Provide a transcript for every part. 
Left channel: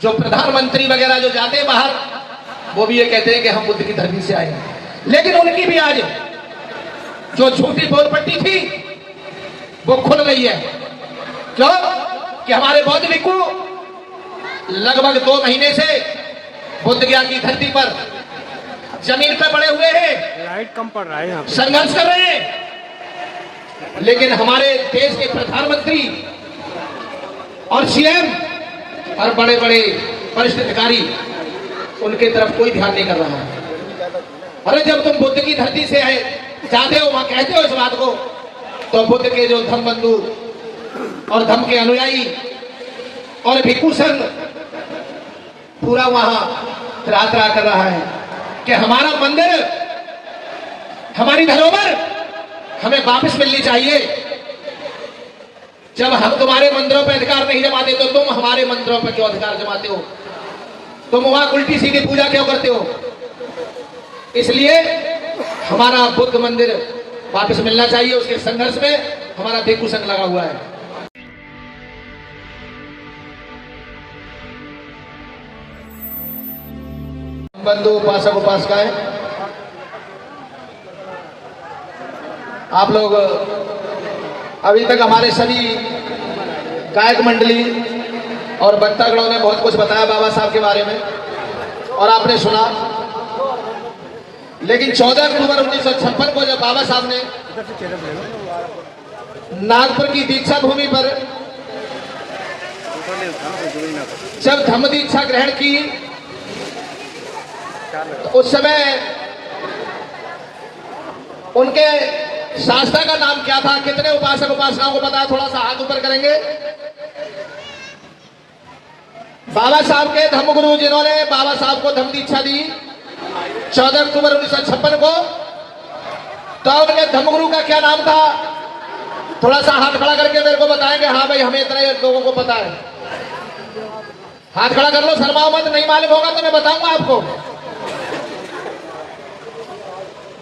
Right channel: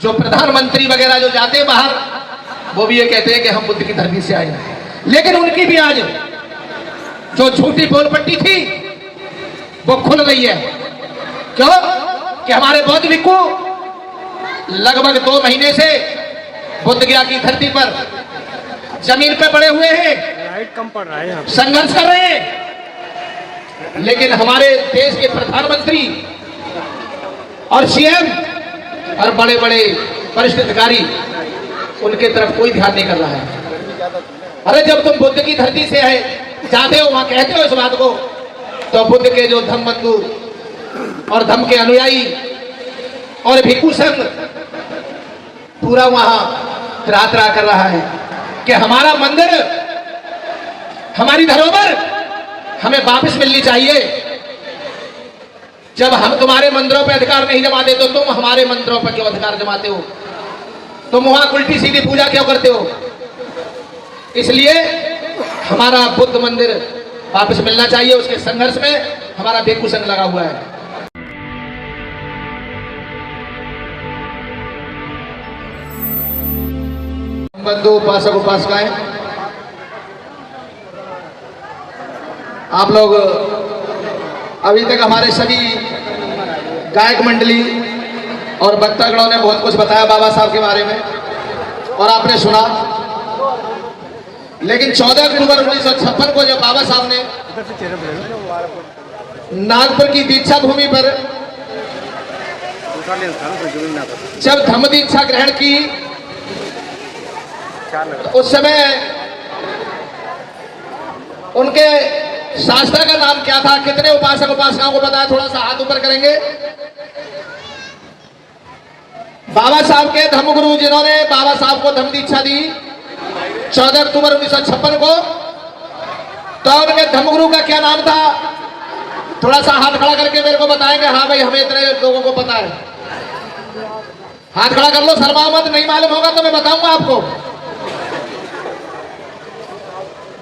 जो प्रधानमंत्री वगैरह जो जाते हैं बाहर, वो भी ये कहते हैं कि हम बुद्ध की धरती से आए हैं। लेकिन उनकी भी आज जो झूठी पोलपट्टी थी वो खुल रही है। क्यों? कि हमारे बौद्ध भिक्खु लगभग 2 महीने से बुद्ध गया की धरती पर जमीन पर पड़े हुए हैं, लाइट कम पड़ रहा है, संघर्ष कर रहे हैं। लेकिन हमारे देश के प्रधानमंत्री और सीएम और बड़े बड़े वरिष्ठ अधिकारी उनके तरफ कोई ध्यान नहीं कर रहा है। अरे जब तुम बुद्ध की धरती से है जाते हो, वहां कहते हो इस बात को, तो बुद्ध के जो धम्म बंधु और धम्म के अनुयायी और भिक्षु संघ पूरा वहां त्रात्रा कर रहा है कि हमारा मंदिर, हमारी धरोहर हमें वापस मिलनी चाहिए। जब हम तुम्हारे मंदिरों पर अधिकार नहीं जमाते तो तुम हमारे मंदिरों पर क्यों अधिकार जमाते हो? तुम वहां उल्टी सीधी पूजा क्यों करते हो? इसलिए हमारा बुद्ध मंदिर वापस मिलना चाहिए। उसके संघर्ष में हमारा भिक्षु संघ लगा हुआ है। बंधु उपासक उपासिकाएं, आप लोग अभी तक हमारे सभी गायक मंडली और वक्तागणों ने बहुत कुछ बताया बाबा साहब के बारे में और आपने सुना। लेकिन 14 अक्टूबर 1956 को जब बाबा साहब ने नागपुर की दीक्षा भूमि पर जब धम्म दीक्षा ग्रहण की, तो उस समय उनके शास्त्र का नाम क्या था? कितने उपासक उपासिकाओं को पता है? थोड़ा सा हाथ ऊपर करेंगे। बाबा साहब के धर्मगुरु जिन्होंने बाबा साहब को धम्म दीक्षा दी 14 अक्टूबर 1956 को, तो उनके धर्मगुरु का क्या नाम था? थोड़ा सा हाथ खड़ा करके मेरे को बताएंगे। हाँ भाई, हमें इतने लोगों को पता है। हाथ खड़ा कर लो, शर्माओ मत। नहीं मालूम होगा तो मैं बताऊंगा आपको।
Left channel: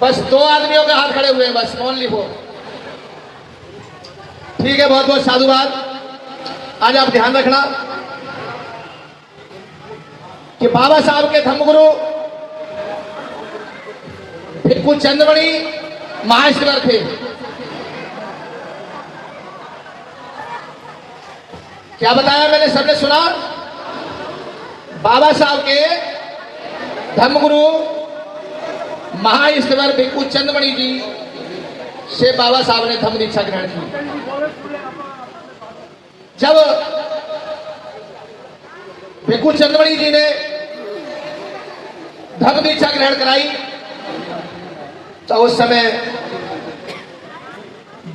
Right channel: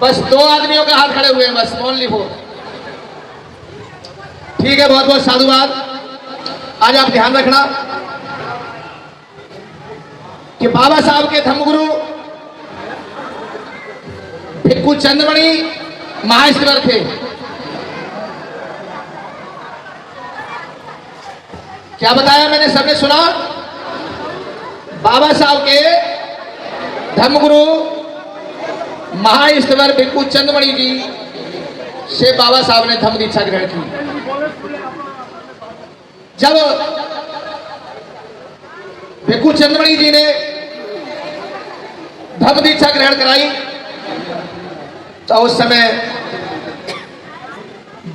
बस 2 आदमियों के हाथ खड़े हुए हैं, बस ओनली 4। ठीक है, बहुत बहुत साधुवाद। आज आप ध्यान रखना कि बाबा साहब के धर्मगुरु भिक्षु चंद्रमणि महाईश्वर थे। क्या बताया मैंने? सबने सुना? बाबा साहब के धर्मगुरु महाईश्वर भिक्षु चंद्रमणि जी से बाबा साहब ने धम्म दीक्षा ग्रहण की। जब भिक्षु चंद्रमणि जी ने धम्म दीक्षा ग्रहण कराई, तो उस समय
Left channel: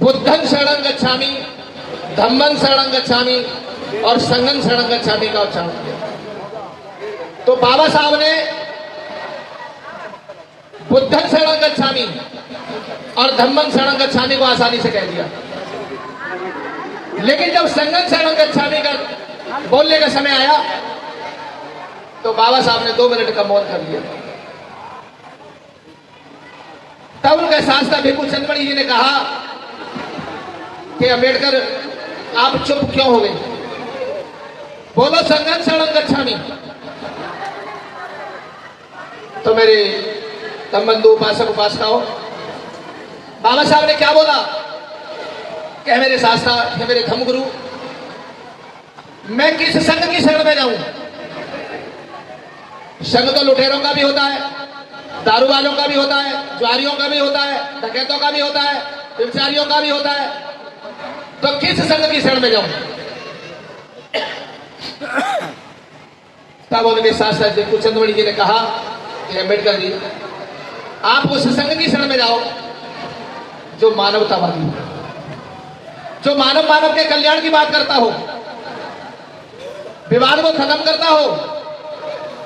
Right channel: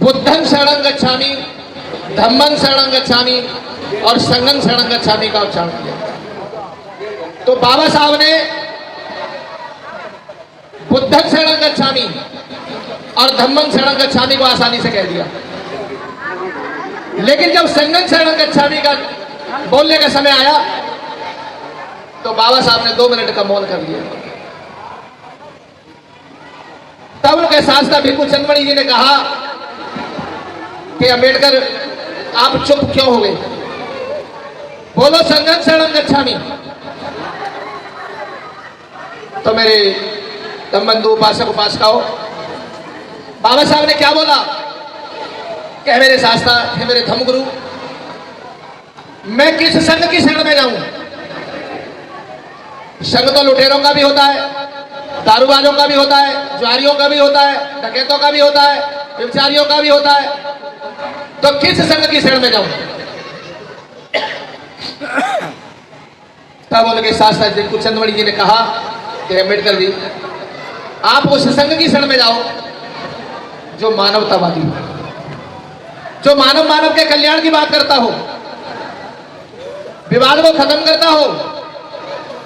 बुद्धं शरणं गच्छामि, धम्मं शरणं गच्छामि और संघं शरणं गच्छामि का उच्चारण किया। तो बाबा साहब ने बुद्धं शरणं गच्छामि और धम्मं शरणं गच्छामि को आसानी से कह दिया। लेकिन जब संघं शरणं गच्छामि का बोलने का समय आया, तो बाबा साहब ने 2 मिनट का मौन कर दिया। तब उनके शास्त्र भिक्षु चंद्रमणि जी ने कहा कि अम्बेडकर, आप चुप क्यों हो गए? बोलो संघं शरणं गच्छामि। तो मेरे धम्मबंधु उपासक उपासिकाओं, बाबा साहब ने क्या बोला कि मेरे शास्त्र, हे मेरे धर्मगुरु, मैं किस संघ की शरण में जाऊं? संघ तो लुटेरों का भी होता है, दारूबाजों का भी होता है, जुआरियों का भी होता है, डकैतों का भी होता है, व्यभिचारियों का भी होता है। तो किस संघ की शरण में जाऊं? तब उनके शास्त्र भिक्षु चंद्रमणि जी ने कहा कि अम्बेडकर जी, आप उस संघ की शरण में जाओ जो मानवतावादी हो, जो मानव के कल्याण की बात करता हो, विवाद को खत्म करता हो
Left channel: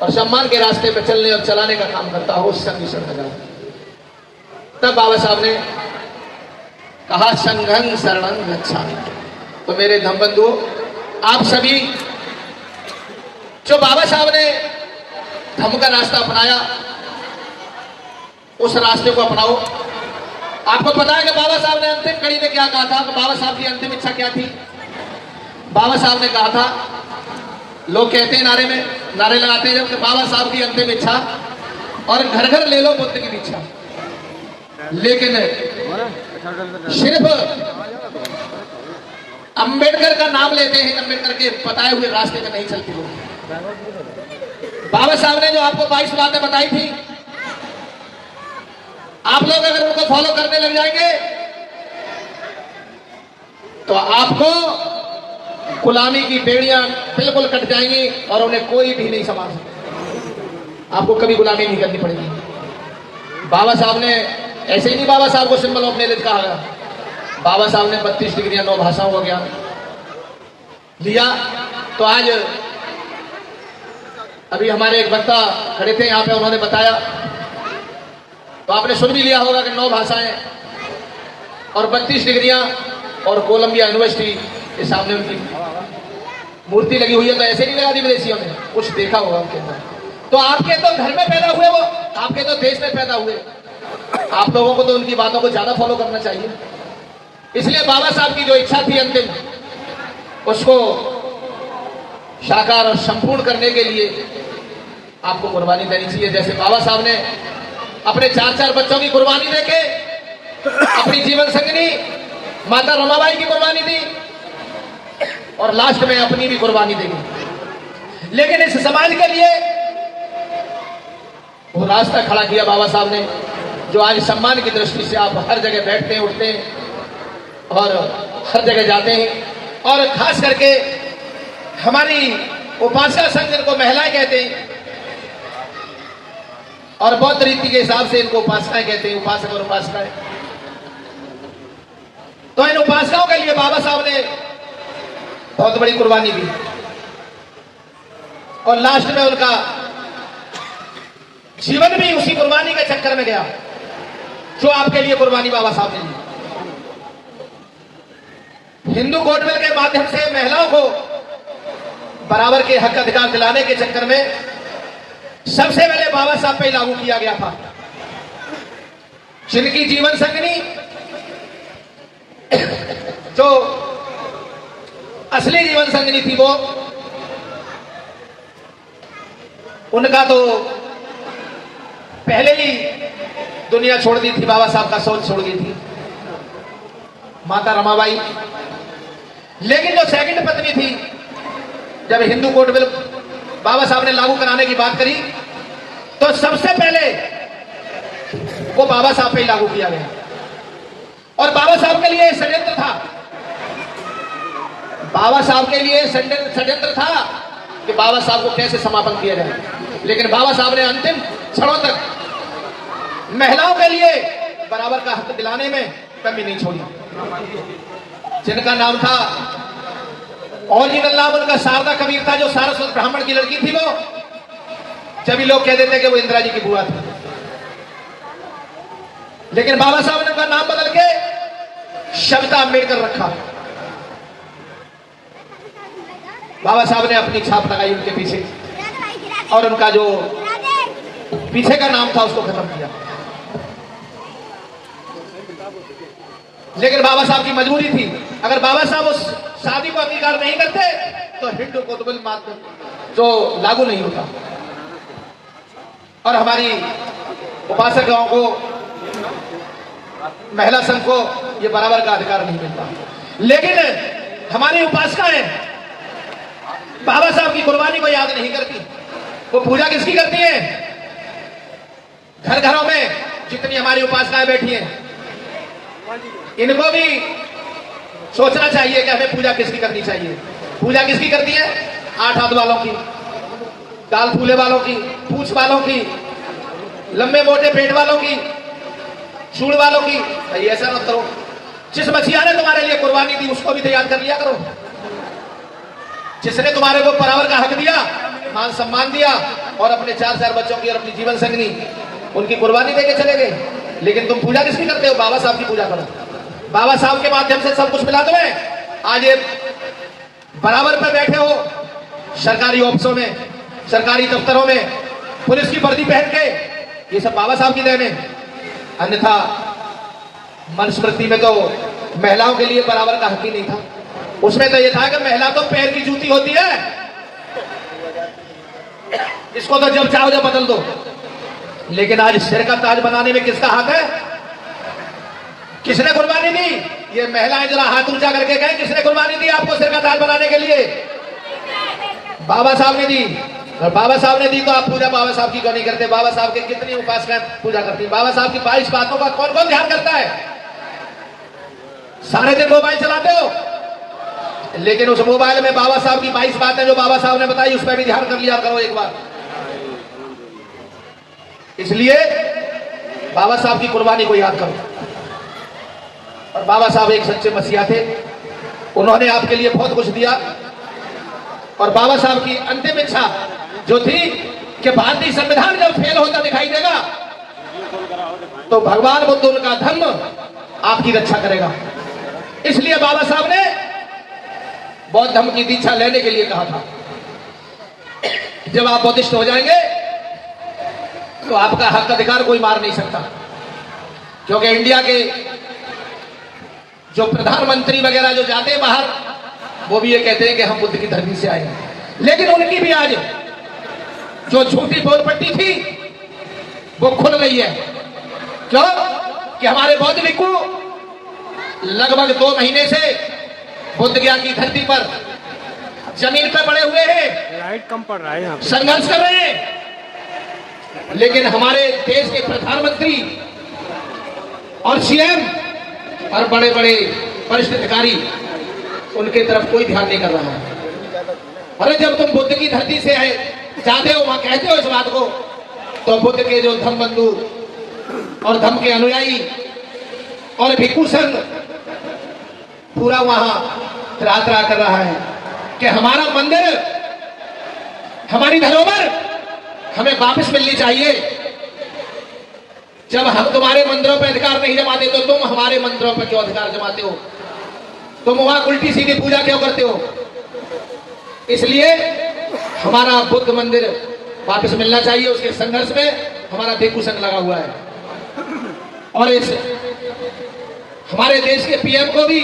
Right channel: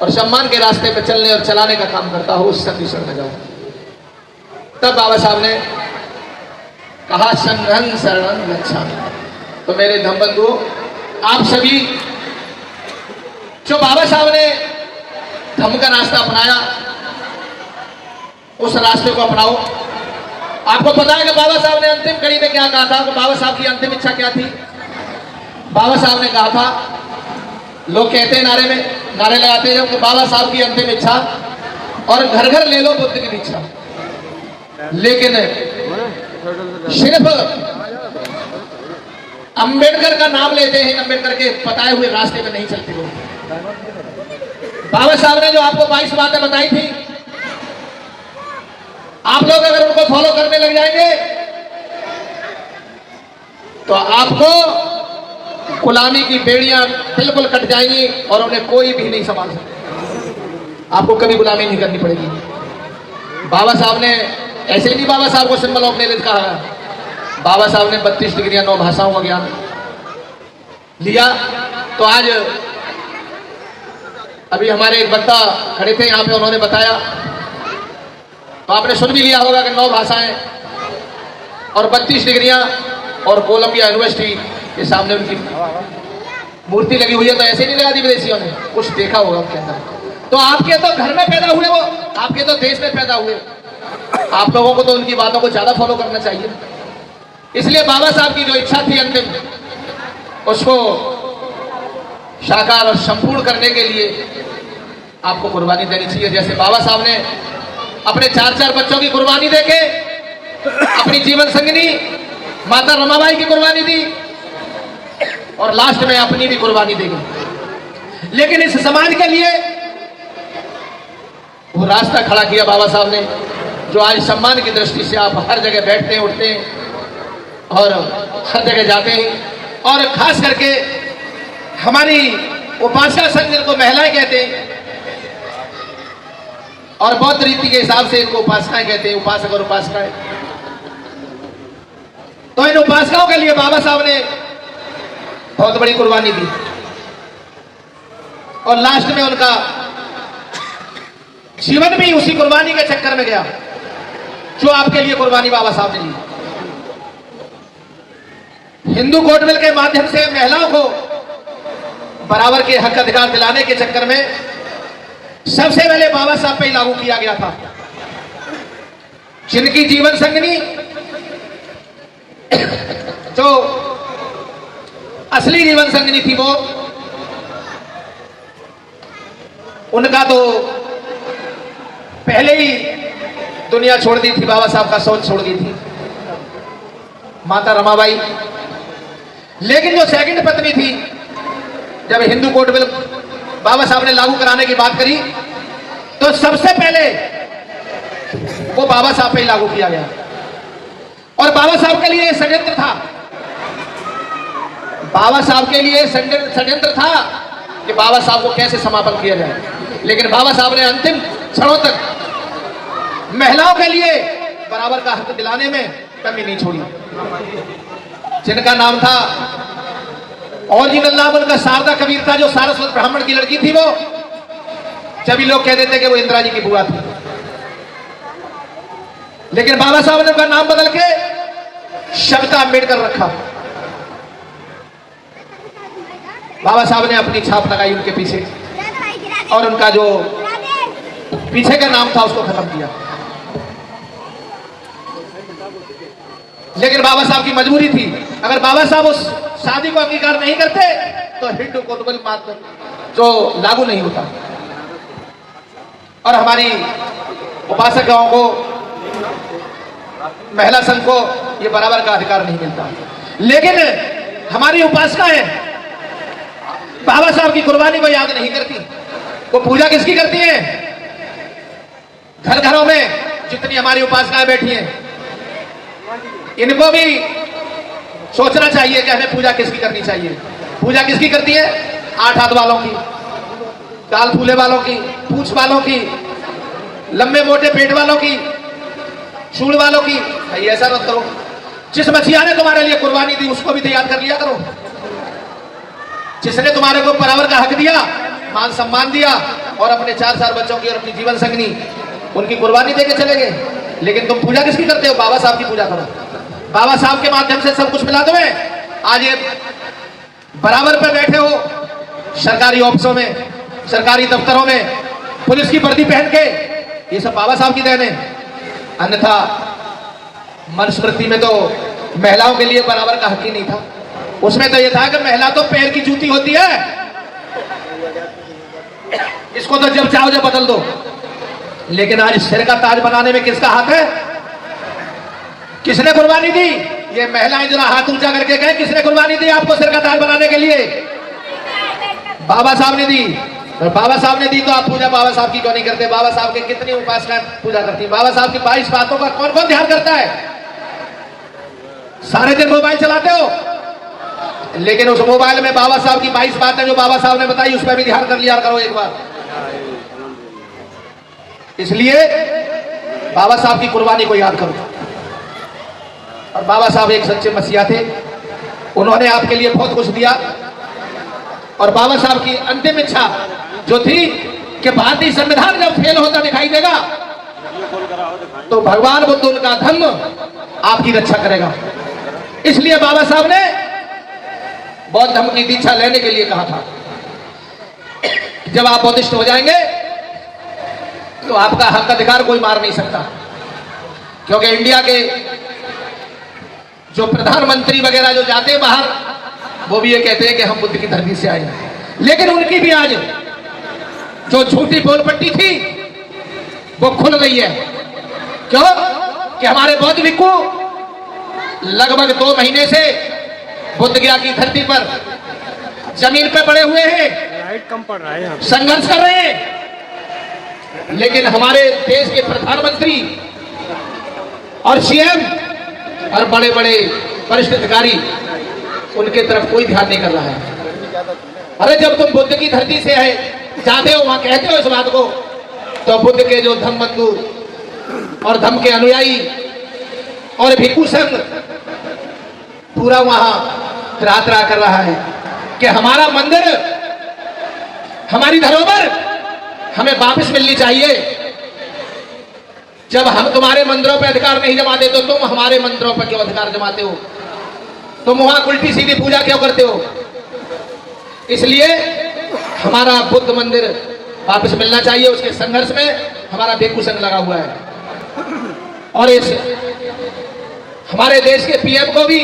और सम्मान के रास्ते पर चलने और चलाने का काम करता हो, उस संघ की शरण में जाओ। तब बाबा साहब ने कहा संघं शरणं गच्छामि। तो मेरे धम्मबंधुओं, आप सभी जो बाबा साहब ने धम्म का रास्ता अपनाया, उस रास्ते को अपनाओ। आपको पता है कि बाबा साहब ने अंतिम कड़ी में क्या कहा था? बाबा साहब की अंतिम इच्छा क्या थी? बाबा साहब ने कहा था लोग कहते हैं नारे लगाते हैं जब कि बाबा साहब की अंतिम इच्छा और घर घर ले लो बुद्ध की दीक्षा, लेकिन सिर्फ अंबेडकर का नाम लेते हैं, अंबेडकर के बताए हुए रास्ते में नहीं चलते लोग। बाबा साहब ने जो आपको 22 बातें बताई थी, आप लोग अगर उनको फॉलो करने लग जाएंगे तो आपको गुलामी की बेड़ियां बिल्कुल कट जाएंगी और उन्हें कोई भी नहीं संभाल सकता। आपको कभी गुलामी नहीं करनी पड़ेगी। बाबा साहब ने ऐसे ही नहीं बाबा साहब को सिंबल ऑफ नॉलेज कहा है। बाबा साहब ने 32 डिग्रियां 9 भाषाओं का ज्ञान लिया। तो आज अभी हमारे एक वक्ता खड़े थे यहाँ पे, उन्होंने बताया तो आपने सुन भी लिया होगा कि 9 भाषाएं और 32 डिग्रियां और कोलंबिया यूनिवर्सिटी के सामने उनकी मूर्ति लगी हुई है। तो ऐसे नहीं लगा दी विदेशियों ने, कुछ देखा होगा उनके अंदर। तो आपके तो घर में पैदा हुए वो, आपके तो देश में पैदा हुए, आप लोगों को तो उनकी बातों को ज्यादा फॉलो करना चाहिए। इसलिए बाबा साहब की जो इच्छा थी अंतिम, उसको साकार और संपूर्ण करने के लिए आपको कुर्बानी देनी चाहिए। जैसे बाबा साहब ने अपने 4 बच्चों की कुर्बानी देके अपनी जीवन संगिनी माता रमाबाई की कुर्बानी दी और लास्ट में अपनी भी कुर्बानी देगी। लेकिन इस समाज के लिए वो रास्ता खड़ा किया बाबा साहब ने, जो आज सम्मान की दृष्टि से आप हर जगह बैठते हैं, उठते हैं और हर जगह जाते हैं। और खास करके हमारी उपासना संघ, जिनको महिलाएं कहते हैं और बौद्ध रीति के हिसाब से इनको उपासनाएं कहते हैं, उपासक और उपासनाएं। तो इन उपासनाओं के लिए बाबा साहब ने बहुत बड़ी कुर्बानी दी और लास्ट में उनका जीवन भी उसी कुर्बानी के चक्कर में गया जो आपके लिए कुर्बानी बाबा साहब ने ली। हिंदू कोड बिल के माध्यम से महिलाओं को बराबर के हक अधिकार दिलाने के चक्कर में सबसे पहले बाबा साहब पे लागू किया गया था। जिनकी जीवन संगिनी जो असली जीवन संगिनी थी, वो उनका तो पहले ही दुनिया छोड़ दी थी, बाबा साहब का सोच छोड़ दी थी, माता रमाबाई। लेकिन जो सेकंड पत्नी थी, जब हिंदू कोड बिल बाबा साहब ने लागू कराने की बात करी तो सबसे पहले वो बाबा साहब पे ही लागू किया गया। और बाबा साहब के लिए षड्यंत्र था, बाबा साहब के लिए षड्यंत्र था कि बाबा साहब को कैसे समापन किया जाए। लेकिन बाबा साहब ने अंतिम क्षणों तक महिलाओं के लिए बराबर का हक दिलाने में कमी नहीं छोड़ी। जिनका नाम था, ओरिजिनल नाम उनका शारदा कबीर था, जो सारस्वत ब्राह्मण की लड़की थी। वो सभी लोग कह देते कि वो इंदिरा जी की बुआ थी, लेकिन बाबा साहब ने उनका नाम बदल के शब्दा अम्बेडकर रखा। बाबा साहब ने अपनी छाप लगाई उनके पीछे और उनका जो पीछे का नाम था उसको खत्म किया। लेकिन बाबा साहब की मजबूरी थी, अगर बाबा साहब उस शादी को अंगीकार नहीं करते तो हिंदू कोड बिल मात्र जो लागू नहीं होता और हमारी उपासकों को, महिला संघ को ये बराबर का अधिकार नहीं मिलता। लेकिन हमारी उपासनाएं बाबा साहब की कुर्बानी को याद नहीं करती। वो पूजा किसकी करती है? घर घरों में जितनी हमारी उपासनाएं बैठी हैं, इनको भी सोचना चाहिए कि हमें पूजा किसकी करनी चाहिए। पूजा किसकी करती है? 8 हाथ वालों की, गाल फूले वालों की, पूंछ वालों की, लंबे मोटे पेट वालों की, चूड़ वालों की। ऐसा मत करो। जिस मसीहा ने तुम्हारे लिए कुर्बानी दी उसको भी तो याद कर लिया करो। जिसने तुम्हारे को बराबर का हक दिया, मान सम्मान दिया और अपने 4 बच्चों की और अपनी जीवन संगिनी उनकी कुर्बानी देके चले गए। लेकिन तुम पूजा किसकी करते हो? बाबा साहब की पूजा करो। बाबा साहब के माध्यम से सब कुछ मिला तुम्हें। आज ये बराबर पे बैठे हो, सरकारी ऑफिसों में, सरकारी दफ्तरों में पुलिस की वर्दी पहन के, ये सब बाबा साहब की देन है। अन्यथा मनुस्मृति में तो महिलाओं के लिए बराबर का हक ही नहीं था। उसमें तो ये था कि महिला तो पैर की जूती होती है, इसको तो जब चाहो जब बदल दो, लेकिन आज सिर का ताज बनाने में किसका हाथ है? किसने कुर्बानी दी? ये महिलाएं जरा हाथ ऊंचा करके कहें, किसने कुर्बानी दी आपको सिर का ताज बनाने के लिए? बाबा साहब ने दी। और बाबा साहब ने दी तो आप पूजा बाबा साहब की क्यों नहीं करते? बाबा साहब के कितनी उपासना पूजा करती है? बाबा साहब की 22 बातों का कौन कौन ध्यान करता है? सारे दिन मोबाइल चलाते हो, लेकिन उस मोबाइल में बाबा साहब की 22 बातें जो बाबा साहब ने बताई उस पर भी ध्यान कर लिया करो एक बार। इसलिए बाबा साहब की कुर्बानी को याद करो। और बाबा साहब एक सच्चे मसीहा थे, उन्होंने आपके लिए बहुत कुछ दिया। और बाबा साहब की अंतिम इच्छा जो थी कि भारतीय संविधान जब फेल होता दिखाई देगा तो भगवान बुद्ध उनका धर्म आपकी रक्षा करेगा। इसलिए बाबा साहब ने बौद्ध धर्म की दीक्षा लेने के लिए कहा था। जब आप बौद्धिस्ट हो जाएंगे तो आपका हक अधिकार कोई मार नहीं सकता, क्योंकि इंडिया के जो प्रधानमंत्री वगैरह जो जाते हैं बाहर, वो भी ये कहते हैं कि हम बुद्ध की धरती से आए हैं। लेकिन उनकी भी आज जो झूठी बोलपट्टी थी वो खुल गई है। क्यों? कि हमारे बौद्ध भिक्षु लगभग 2 महीने से बुद्ध गया की धरती पर जमीन पर पड़े हुए हैं, संघर्ष कर रहे हैं। लेकिन हमारे देश के प्रधानमंत्री और सीएम और बड़े बड़े वरिष्ठ अधिकारी उनके तरफ कोई ध्यान नहीं कर रहा है। अरे जब तुम बुद्ध की धरती से है जाते हो, वहां कहते हो इस बात को, तो बुद्ध के जो धम्म बंधु और धम्म के अनुयायी और भिक्षु संघ पूरा वहां त्रात्रा कर रहा है कि हमारा मंदिर, हमारी धरोहर हमें वापस मिलनी चाहिए। जब हम तुम्हारे मंदिरों पर अधिकार नहीं जमाते तो तुम हमारे मंदिरों पर क्यों अधिकार जमाते हो? तुम वहां उल्टी सीधी पूजा क्यों करते हो? इसलिए हमारा बुद्ध मंदिर वापस मिलना चाहिए। उसके संघर्ष में हमारा भिक्षु संघ लगा हुआ है। और इस हमारे देश के पीएम को भी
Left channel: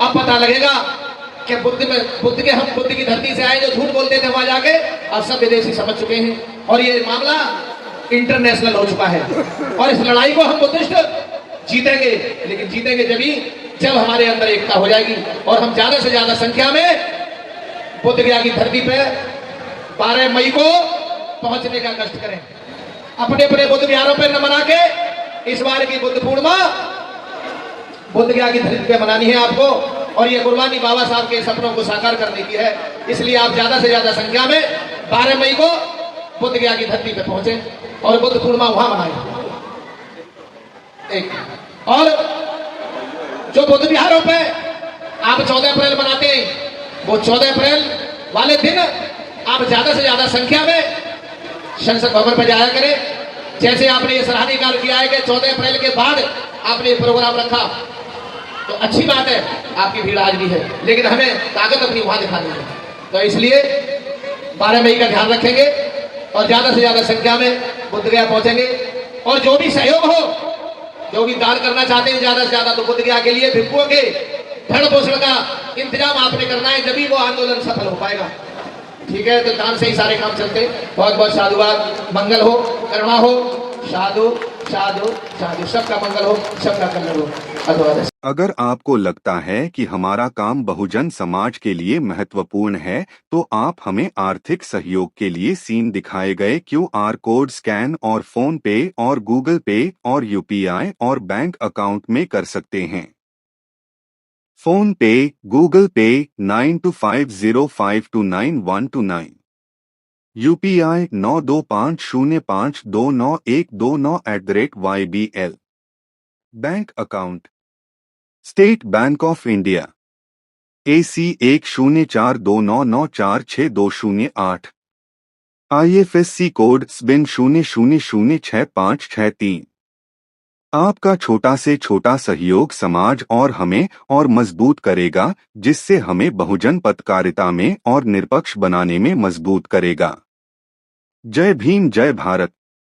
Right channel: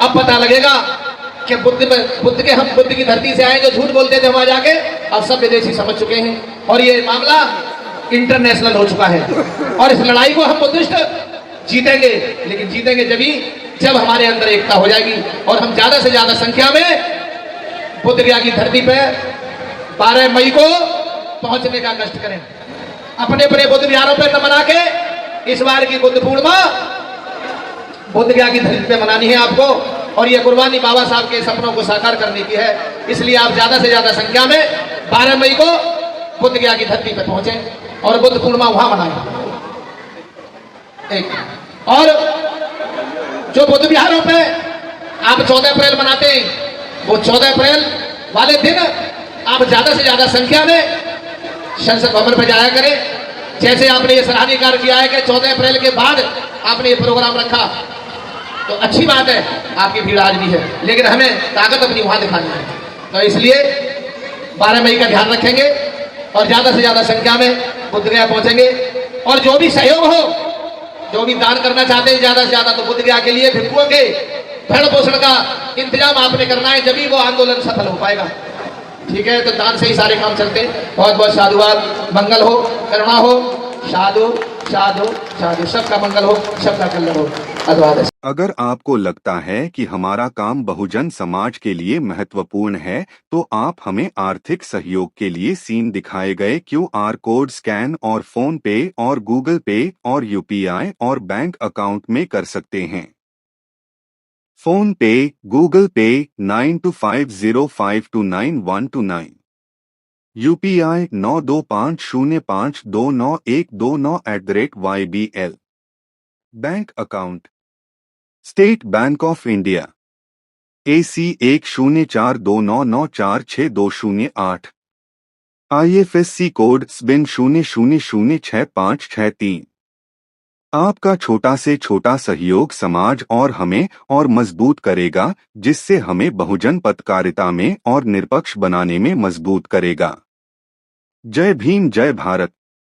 अब पता लगेगा कि बुद्ध के हम बुद्ध की धरती से आए, जो झूठ बोलते थे वहां जाके, अब सब विदेशी समझ चुके हैं और ये मामला इंटरनेशनल हो चुका है। और इस लड़ाई को हम बुद्धिस्ट जीतेंगे, लेकिन जीतेंगे जब हमारे अंदर एकता हो जाएगी और हम ज्यादा से ज्यादा संख्या में बुद्ध गया की धरती पे 12 मई को पहुंचने का कष्ट करें। अपने अपने बुद्ध विहारों पर न मना के इस बार की बुद्ध पूर्णिमा बुद्ध गया की धरती पे मनानी है आपको, और ये कुर्बानी बाबा साहब के सपनों को साकार करने की है। इसलिए आप ज्यादा से ज्यादा संख्या में 12 मई को बुद्ध गया की धरती पे पहुंचे और बुद्ध पूर्णिमा वहां मनाएं। एक और जो बुद्ध विहारों पे आप 14 अप्रैल मनाते हैं, वो 14 अप्रैल वाले दिन आप ज्यादा से ज्यादा संख्या में संसद भवन पर जाया करें। जैसे आपने ये सराहनीय कार्य किया है कि 14 अप्रैल के बाद आपने ये प्रोग्राम रखा, तो अच्छी बात है, आपकी भीड़ आज भी है, लेकिन हमें ताकत अपनी वहां दिखानी है। तो इसलिए 12 मई का ध्यान रखेंगे और ज्यादा से ज्यादा संख्या में बुद्ध गया पहुंचेंगे। और जो भी सहयोग हो, जो भी दान करना चाहते हैं ज्यादा से ज्यादा, तो बुद्ध गया के लिए भिक्षुओं के भरण पोषण का इंतजाम आपने करना है, जब भी वो आंदोलन सफल हो पाएगा। ठीक है, तो दान से ही सारे काम चलते हैं। बहुत बहुत साधुवाद। मंगल हो, करुणा हो, साधु साधु साधु, सबका मंगल हो, सबका कल्याण हो। धन्यवाद। अगर आपको लगता है कि हमारा काम बहुजन समाज के लिए महत्वपूर्ण है, तो आप हमें आर्थिक सहयोग के लिए सीन दिखाए गए QR कोड स्कैन और फोन पे और गूगल पे और UPI और बैंक अकाउंट में कर सकते हैं। फोन पे, गूगल पे 9250529129, UPI 9250529129@YBL। Bank account state bank of India AC 1042994628, IFSC code SBIN 00066563। आपका छोटा से छोटा सहयोग समाज और हमें और मजबूत करेगा, जिससे हमें बहुजन पत्रकारिता में और निष्पक्ष बनाने में मजबूत करेगा। जय भीम, जय भारत।